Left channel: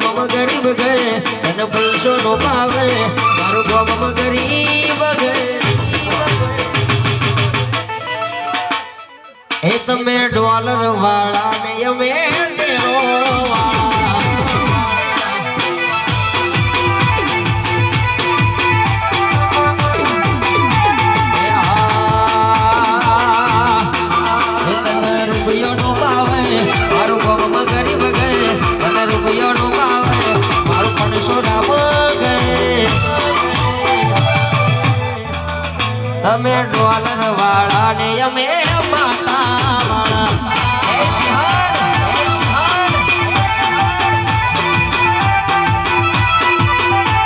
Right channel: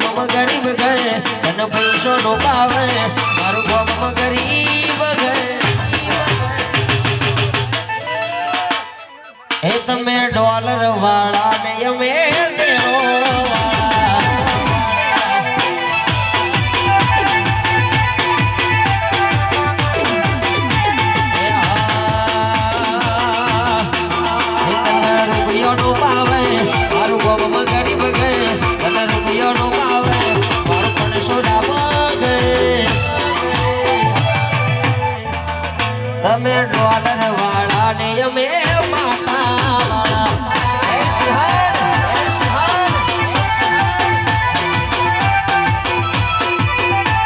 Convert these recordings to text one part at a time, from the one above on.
ગામમાં ગરીબ ઘરે અને પૈસો નો પાવે મારું ગામમાં ગરીબ ઘરે એ તમે ડોલર વાળા ને અમે ડેરો તમે ડોલર વાળા ને અમે માતા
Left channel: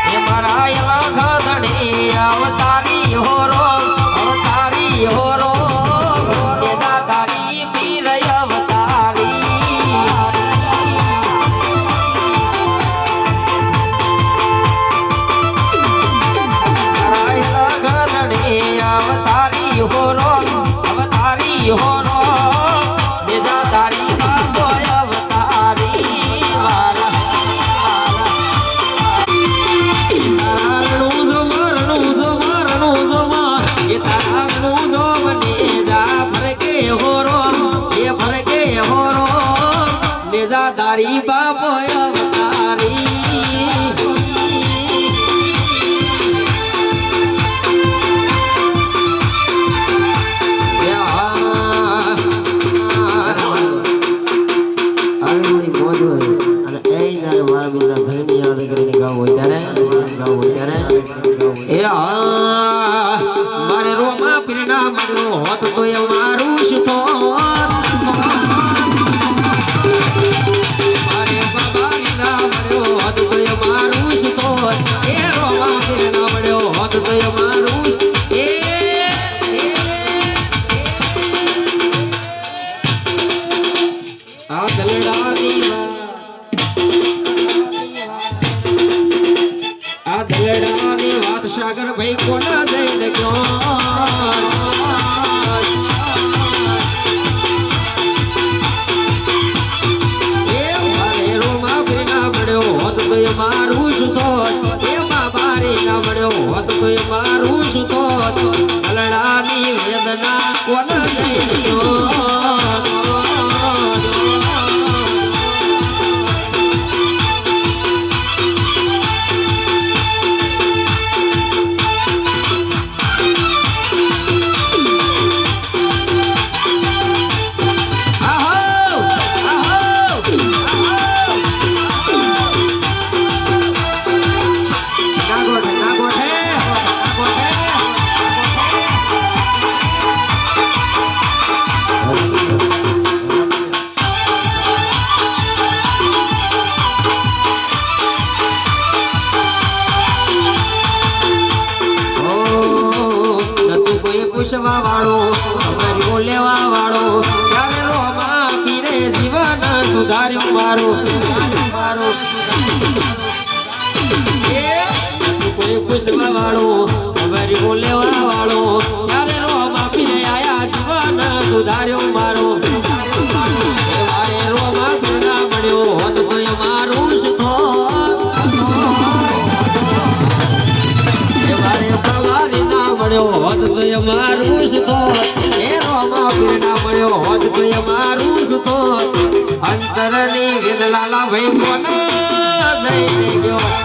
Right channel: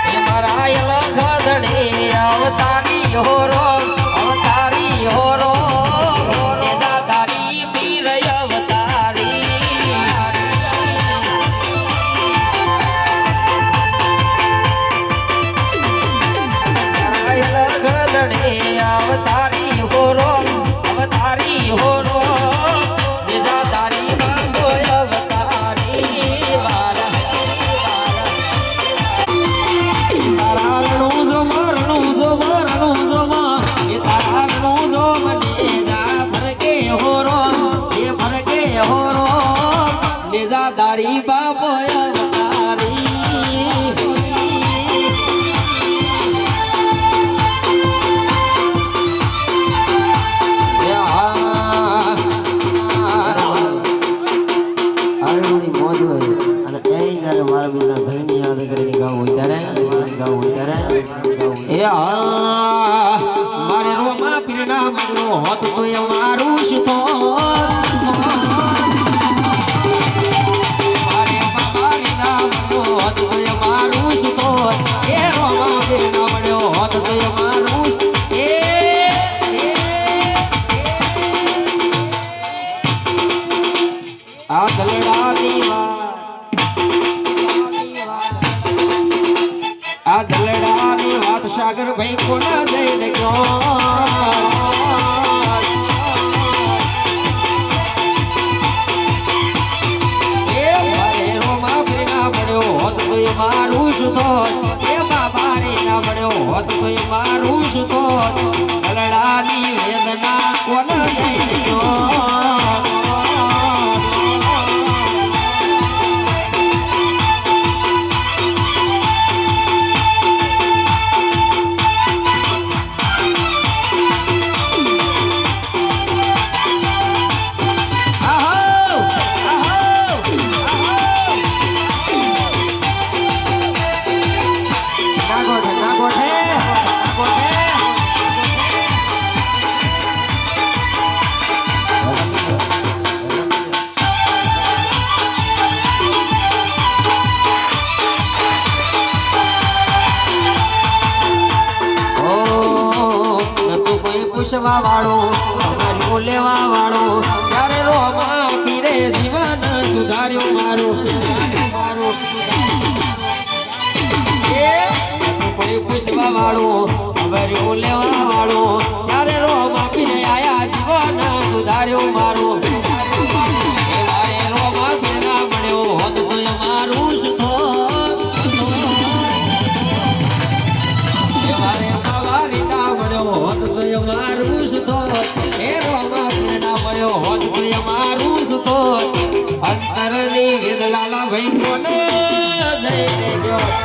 એ મારા એલા ગાધણી અવતારી હોરો અવતારી હોરો દાદારી પીર અવતારી ગાધણી અવતારી હોરો અવતારી હોરો દાદારી બાબો અવતારી વાલા તારાનું જો મારનું જો એ તારાનું જો મને જા ફરકે હોરો એ ફરકે હોરો મેજા દારી બાબો અવતારી મારે રોમા પીણા મળ્યો હોત તો એ મારું સુતો મારે બાબાના મળ્યો હોત તો એ મારું સુતો એ રોમા પીણા મળ્યો હોત તો એ મારું આ દલડાની આ દલડાની વાત સાગર ભાઈ કોના જઈને ગયો એ મારે રોમા પીના મળ્યો હોત તો એ મારું સુતો એ બાબારી ના મળ્યો હોત તો એ મારું સુતો દલડાની વેદના કોના જઈને ગયો પૂછવા વાળો ગરીબો લેવા વાળો ત્યારે રોમા પીરે જીવન સુધાર્યો મારો કોઈ પૂછવા વાળો ગરીબો લેવા વાળો ત્યારે રોમા પીરે આયા જીવન સુધાર્યો મારો મારે રોમા પીરા મળ્યો હોત તો મારું સુખો મારે બાબારી ના મળ્યો હોત તો મારું સુતો એ રોમા પીરના મળ્યો હોત તો મારું સુતો અંતરની વિરલાલા ભાઈ કોને જઈને ગયો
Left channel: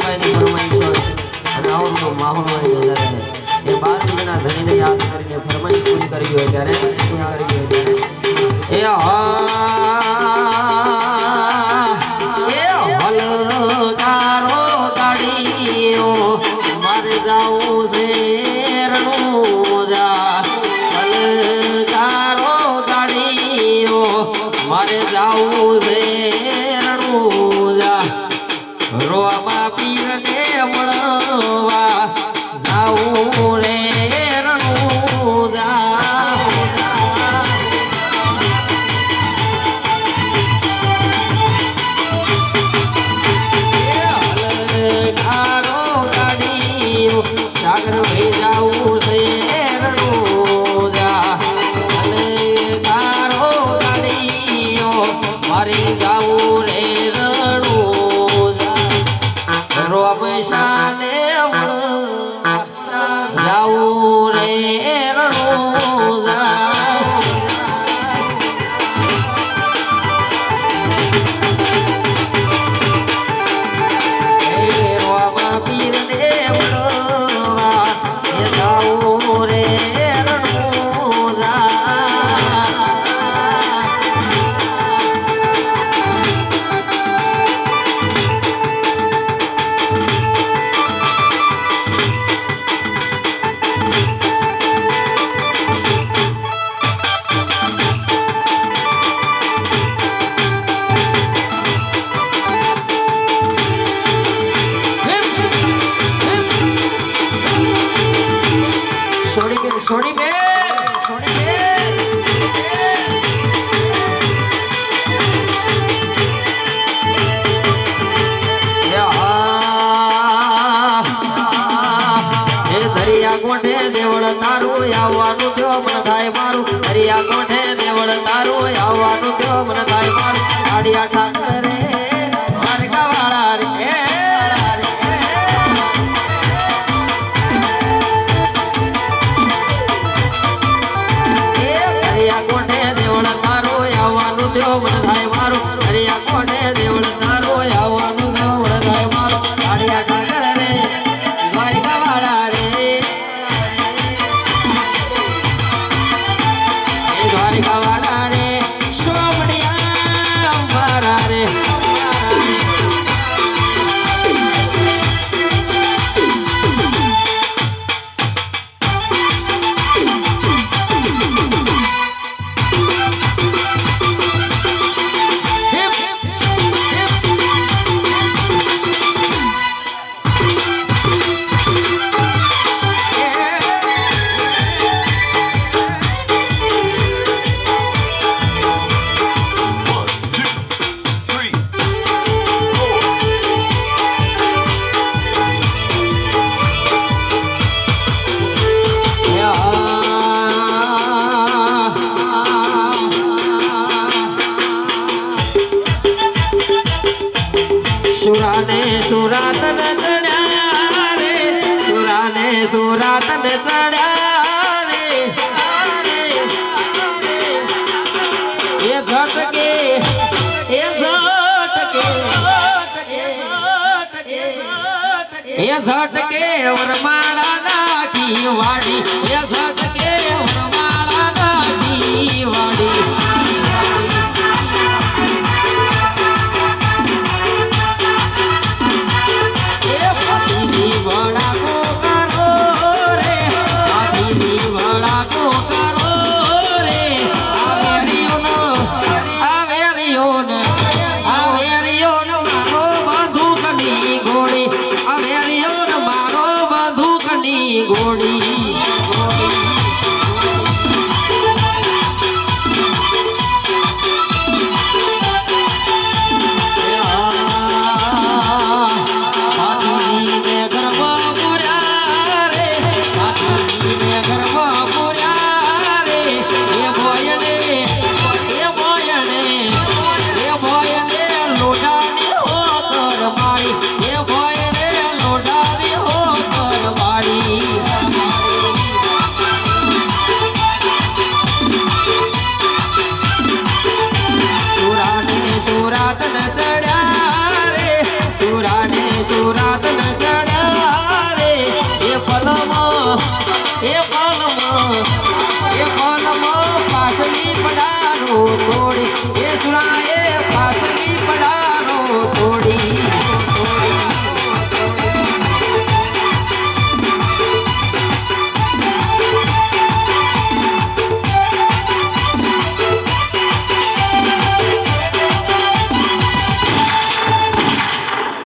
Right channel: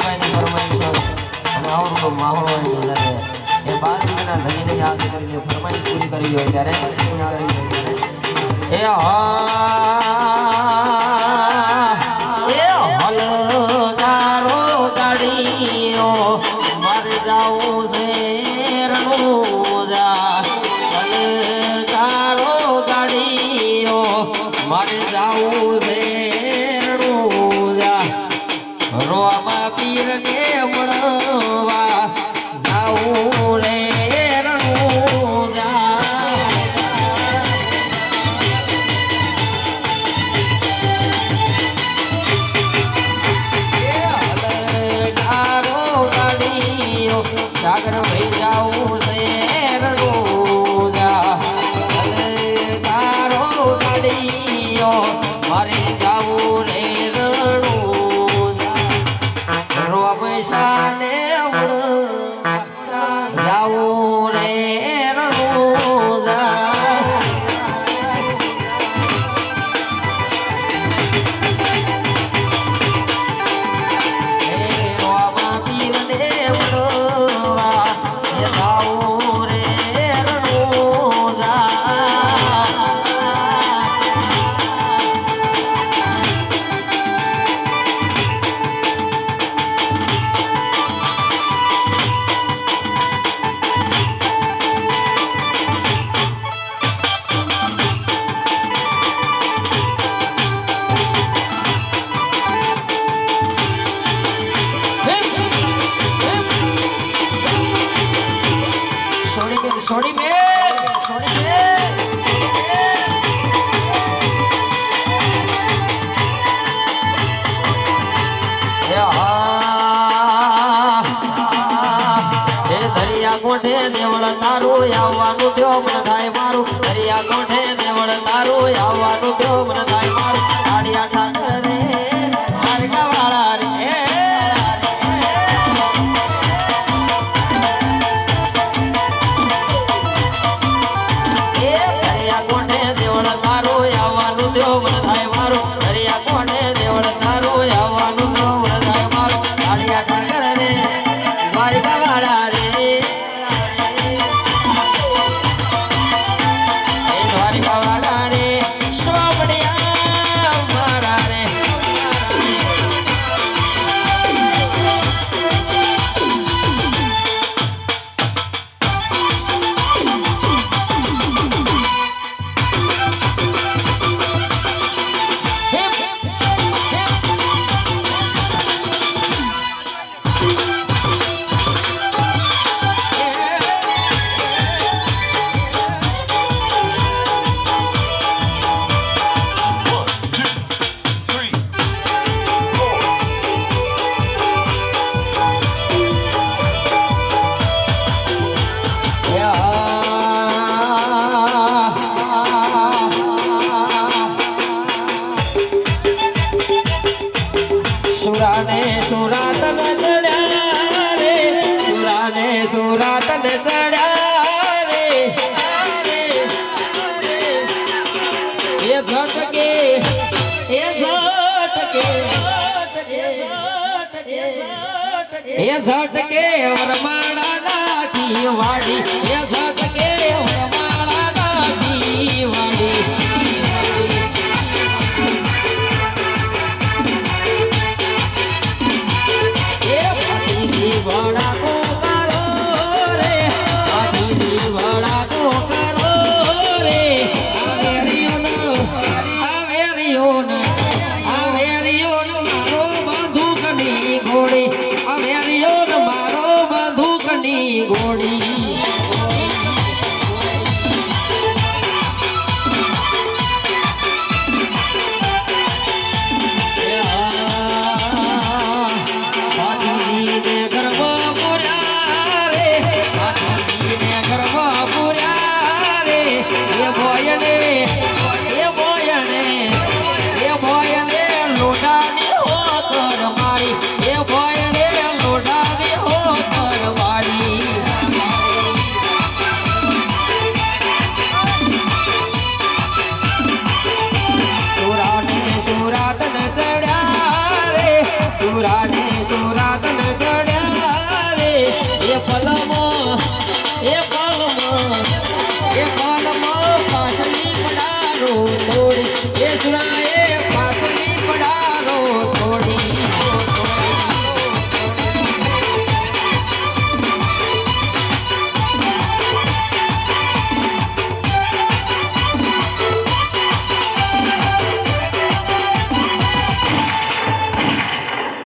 ગાયની ફરમાઈશ અને આવો માહોલ એ 12 મહિના ધણીને યાદ કરીને ફરમાઈશ પૂરી કરી હોય ત્યારે એ હલકારો ગાડીઓ મારે જાવું છે રણુજા હલકારો ગાડીઓ મારે જાવું છે રણુજા રોવા પીરને મળવા જાવું રે રણુજા સાગર ભેજાવું છે રણુજા તારો ગાડીઓ મારે જાવું રે રણુજા રોબશાને જાવું રે રણુજા સોડી બે દરિયા કોઠે દેવળ તારું આવવાનું થયો મને થાય મારું દરિયા કોઠે દેવળ તારું આવવાનું થયો મને થાય મારું આડિયા ઠાકરે દ્વારકા વાળા રે મને થાય મારું દરિયા કોને દેવળ તારું આવવાનું જો મને થાય મારું આડિયા ઠાકર રે દ્વારકા વાળા રે દ્વારકા વાળા રે સ્વામડિયા મારા રે સુરાને સુરાતન ચડ્યા રે સુરાને સુરાતન ચડ્યા રે એ ઝટકે વરમાળા નાખી વાડી એ ઝટકે વરમાળા નાખી વાડી ઘોડી સુરાય